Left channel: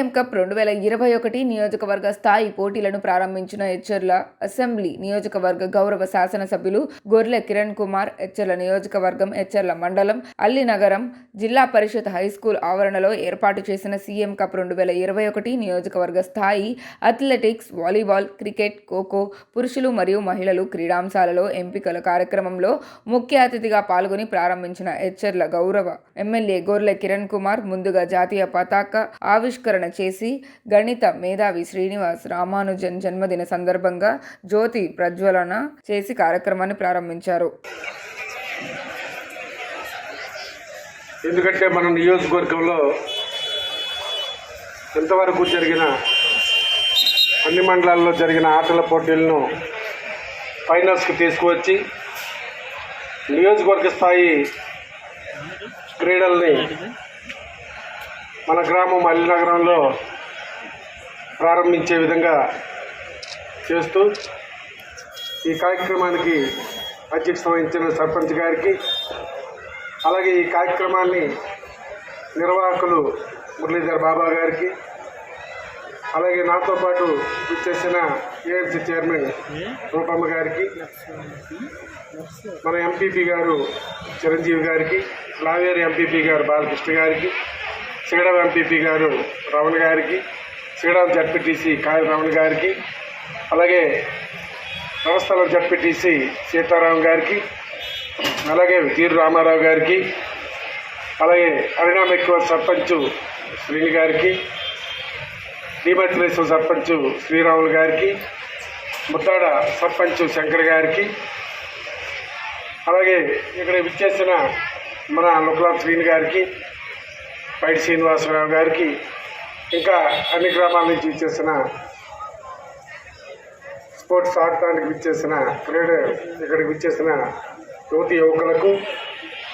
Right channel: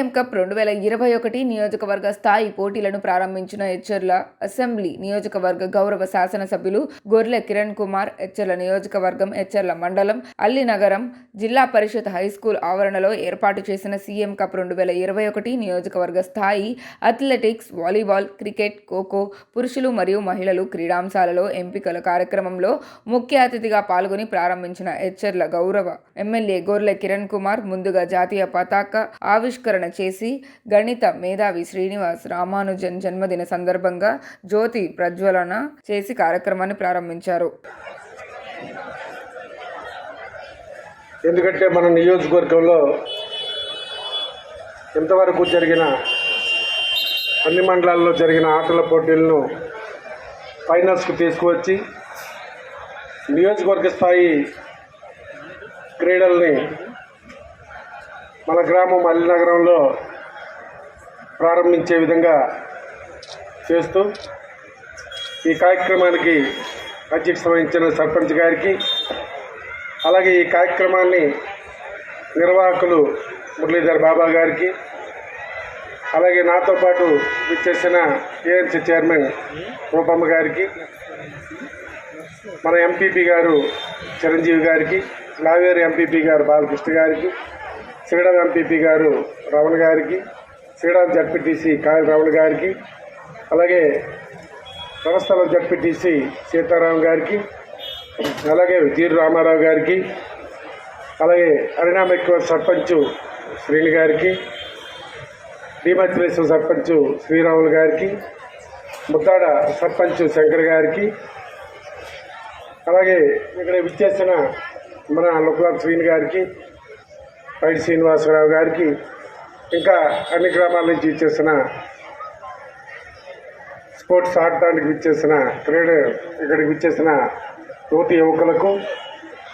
CM cup రెండు వేల ఇరవై ఒకటి నియోజకవర్గ స్థాయి పోటీలను ప్రారంభించిన హెచ్చర్ల అసెంబ్లీ నియోజకవర్గ గౌరవ శాసనసభ్యులు గొర్రె కిరణ్ కుమార్ హెచ్చర్ల నియోజకవర్గం హెచ్చర్ల మండలం అల్లినగరం జిల్లా పరిషత్ హైస్కూల్ ఆవరణలో ఏర్పాటు చేసిన సీఎం కప్ రెండు వేల ఇరవై ఒకటి నియోజకవర్గ స్థాయి అథ్లెటిక్స్ వాలీబాల్ క్రికెట్ ఖోఖో పురుషులు మరియు మహిళలు క్రీడాంశాలలో ఎంపికల కార్యక్రమంలో ముఖ్య అతిథిగా పాల్గొని ప్రారంభించిన హెచ్చర్ల గౌరవ ఎమ్మెల్యే గొర్రె కిరణ్ కుమార్ ముందుగా జాతీయ పతాక ఆవిష్కరణ చేసి గణిత మేధావి శ్రీనివాస్ రామానుజన్ జన్మదిన సందర్భంగా జ్యోతి ప్రజ్వలన చేసి కార్యక్రమాన్ని ప్రారంభించారు. ఎందుకంటే మన నియోజకవర్గంలో ఎంతవరకు జరిగిన అన్ని మండలాల్లో జరిగిన ఆటల పోటీలను ఫైనల్స్కి తీసుకువచ్చి నియోజకవర్గ స్థాయి క్రీడల్ని మన గ్రామం అల్లినగరంలో ప్రారంభించే విధంగా చేస్తూ ఈ కార్యక్రమానికి అధ్యక్షత వహించిన సర్పంచ్ గారికి అలాగే ఈ కార్యక్రమాన్ని నిర్వాహకులు మురళీధర్ బాబా గారికి అలాగే నాతో పాటు ఇచ్చేసిన ఏఎన్సీ చైర్మన్ రూపమ్మ గారికి మన ఎంపీపీ గారు చిరంజీవి గారికి లావేరు ఎంపీపీ గారు బాలకృష్ణ గారికి సిగడం ఎంపీపీ గారు రమణ గారికి సిగడం జడ్పీటీసీ కాయల రమణ గారికి అలాగే సంస్థల జడ్పీటీసీ సీతారాం గారికి అలాగే తీరు రామారావు గారికి అలాగే అరినామెక్కువ సర్పంచ్ శ్రీని గారికి భీమత్రేశ్వర సర్పంచ్ శ్రీరాములు గారికి ముత్తాడ సర్పంచ్ శంకర్ గారికి అలాగే ఇక్కడ విచ్చేసిన మన లుక్లా శ్రీని గారికి పైడి శ్రీనివాసరావు గారికి ఇంకా అన్ని గ్రామాల నుంచి ఇచ్చేసిన స్పోర్ట్స్ ఆడటానికి విచ్చేసిన క్రీడ ఇక్కడికి విచ్చేసిన యువతి యువకులకు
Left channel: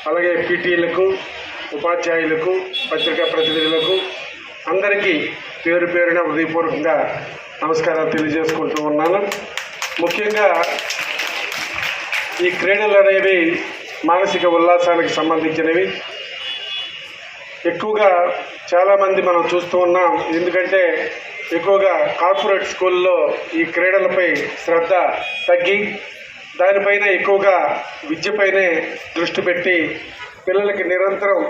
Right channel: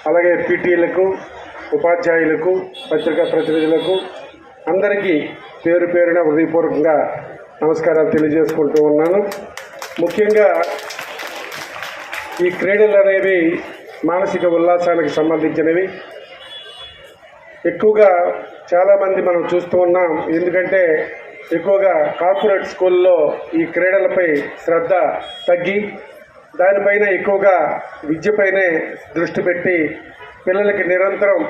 అలాగే పీటీలకు ఉపాధ్యాయులకు పత్రికా ప్రతినిధులకు అందరికీ పేరు పేరున హృదయపూర్వకంగా నమస్కారాలు తెలియజేసుకుంటూ ఉన్నాను. ముఖ్యంగా ఈ క్రీడలు అనేవి మానసిక ఉల్లాసానికి సంబంధించినవి. ఎక్కువగా చాలామంది మనం చూస్తూ ఉన్నాం. ఎందుకంటే ఎక్కువగా కార్పొరేట్ స్కూల్లో ఈ క్రీడలపై శ్రద్ధ తగ్గి దానిపైన ఎక్కువగా విద్యపైనే దృష్టి పెట్టి పిల్లలకి నిరంతరం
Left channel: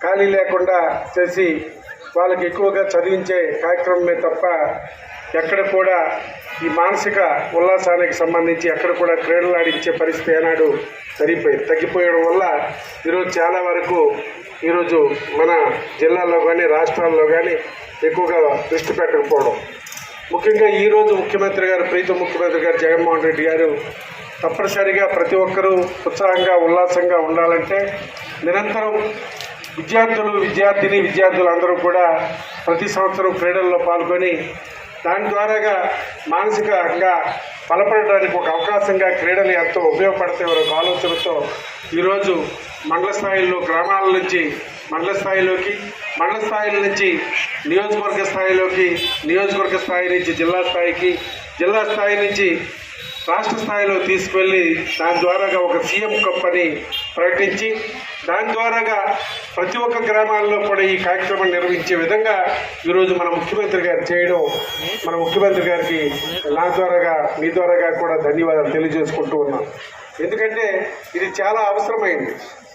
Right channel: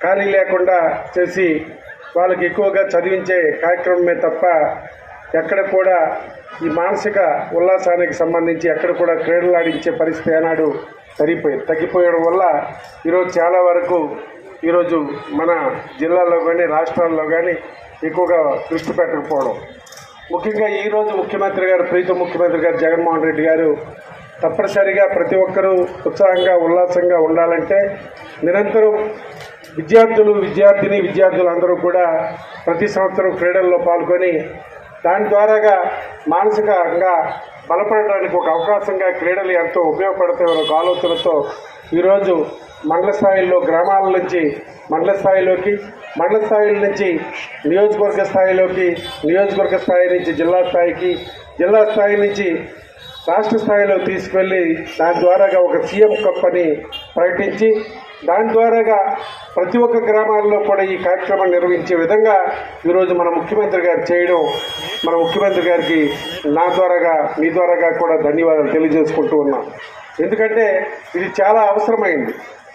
ఖాళీ లేకుండా చేసి వాళ్ళకి ఎక్కువగా చదివించే కార్యక్రమమే తప్ప ఎక్కడ కూడా ఈ మానసిక ఉల్లాసానికి సంబంధించి ఎక్కడ కూడా క్రీడలు ఆడించే పరిస్థితి ఏనాడు సరిపోయి తగ్గిపోయడం వల్ల ఈరోజు చాలా వరకు ఈరోజు మన జిల్లాలో కానీ రాష్ట్రాల్లో కానీ ఎక్కువగా దృష్టి పెట్టకపోవడం. ముఖ్యంగా ఈరోజు ముఖ్యమంత్రి గారు ప్రీతం ముఖ్యమంత్రి గారు జగన్మోహన్ రెడ్డి గారు తప్పనిసరిగా ప్రతి ఒక్కరూ ఉత్సాహంగా ఉల్లాసంగా ఉండాలంటే నిరంతరం విద్యార్థులు విద్యార్థిని విద్యార్థులు అందరూ కూడా ప్రతి సంవత్సరం క్రీడల్లో పాల్గొని దాని ద్వారాగా మానసికంగా బలపడడానికి ఒక అవకాశంగా క్రీడలు ఎంతో ఉపయోగపడతాయి ఒక ఆలోచనతో ఈరోజు మండల స్థాయిలో గ్రామాల నుంచి మండల స్థాయిలోకి మండల స్థాయిల నుంచి నియోజకవర్గ స్థాయిలోకి నియోజకవర్గ స్థాయి నుంచి జిల్లా స్థాయికి జిల్లా స్థాయి నుంచి రాష్ట్ర స్థాయిలో తీసుకువెళ్ళి దాని ద్వారాగా ఒక సీఎం కప్ అని ప్రకటించి దాని ద్వారాగా ప్రతి ఒక్క గ్రామాల్లో కూడా ఈ కార్యక్రమం నిర్వహించే విధంగా ఈరోజు మన ముఖ్యమంత్రి గారు చేయడం మన ముఖ్యమంత్రి గారికి నా ద్వారాగా మీ ద్వారాగా కూడా ధన్యవాదాలు తెలియజేసుకుంటూ ఉన్నాం. ఎందుకంటే ఇది చాలా అవసరమైంది.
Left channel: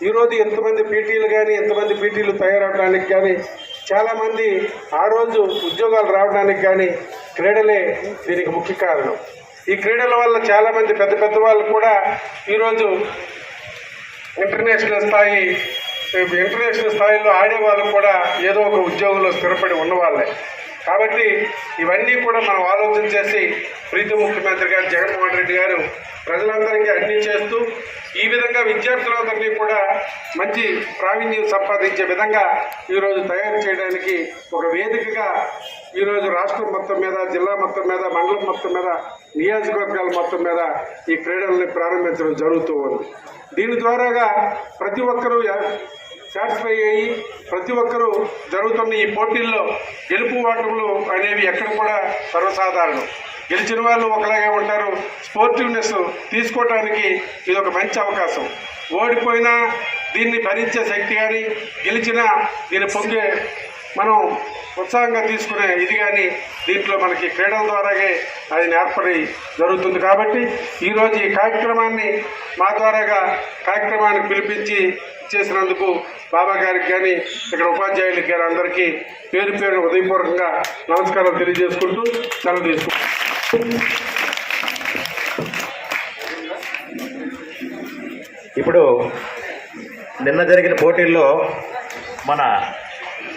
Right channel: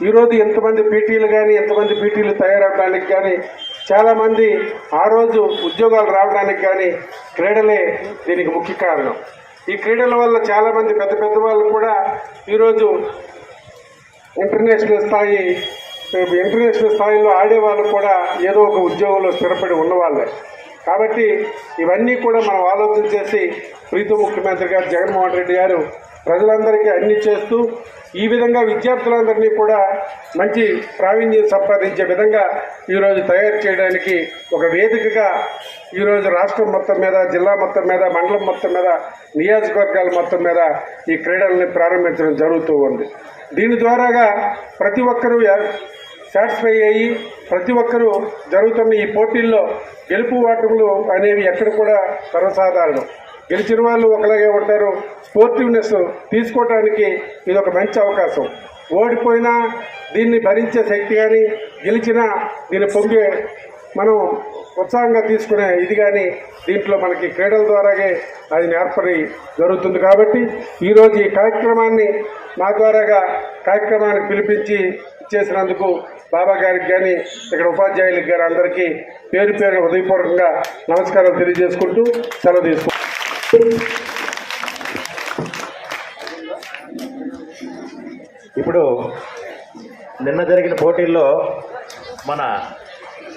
ఈరోజు ఎంతమంది పీటీలు కానీ ఎంతమంది పీటీలు తయారవడానికి కానీ చాలామంది ఆ రోజు ఉద్యోగాలు రావడానికి కానీ క్రీడలే దీనికి ముఖ్య కారణం. ఈ క్రీడల వల్ల చాలామంది పెద్ద పెద్ద వాళ్ళు కూడా ఈరోజు ఇంటర్నేషనల్ స్థాయి ఇంటర్నేషనల్ స్థాయిలో ఆడే వాళ్ళు కూడా ఏదో ఒక ఉద్యోగంలో స్థిరపడి ఉన్నవాళ్ళే. కాబట్టి ఇవన్నీ కూడా మనం ఆలోచన చేసి ప్రీతి ముఖ్యమంత్రి గారు జగన్మోహన్ రెడ్డి గారు ప్రజలందరికీ అన్ని చేస్తూ ఈ విధంగా విద్యార్థులందరినీ కూడా మంచి ప్రావీణ్యం సంపాదించే విధంగా ఈరోజు తయారు చేయడానికి ఒక వేదికగా ఈరోజు రాష్ట్రం మొత్తం మీద జిల్లా మొత్తం మీద మండలం మొత్తం మీద నియోజకవర్గాల మొత్తం మీద ఈ క్రీడల్ని ప్రారంభించడం జరుగుతూ ఉంది. దీని ద్వారాగా ప్రతి ఒక్కరూ సాటిస్ఫై అయ్యి ప్రతి ఒక్కరూ జరుగుతున్న ఈ పోటీల్లో గెలుపు ఓటములు అనేవి ఎక్కడ కూడా సర్వసాధారణం గెలిచిన వాళ్ళు ఒకలాగే ఉంటారు. స్పోర్టివ్నెస్ తీసుకోవటానికి ఇది ఒక మంచి అవకాశం. ఓడిపోయినా దీన్ని భరించే శక్తి కానీ గెలిచినా దీన్ని పొందే మనం ఉత్సాహంగా తీసుకునే ఇది కానీ దీంట్లో మనకి క్రీడల ద్వారాగే అది నేర్పడి జరుగుతుంది కాబట్టి ఈరోజు ఈ కార్యక్రమాన్ని మా ద్వారాగా కార్యక్రమానికి పిలిపించి చేసినందుకు బాబా గారికి కానీ ఇక్కడ ఉపాధ్యాయులకి కానీ అందరికీ పేరు పేరు ఉదయపూర్వకంగా నమస్కారం తెలియజేసుకుంటూ సెలవు తీసుకుంటాం ఇప్పుడు నిన్న జరిగిన పోటీల్లో మన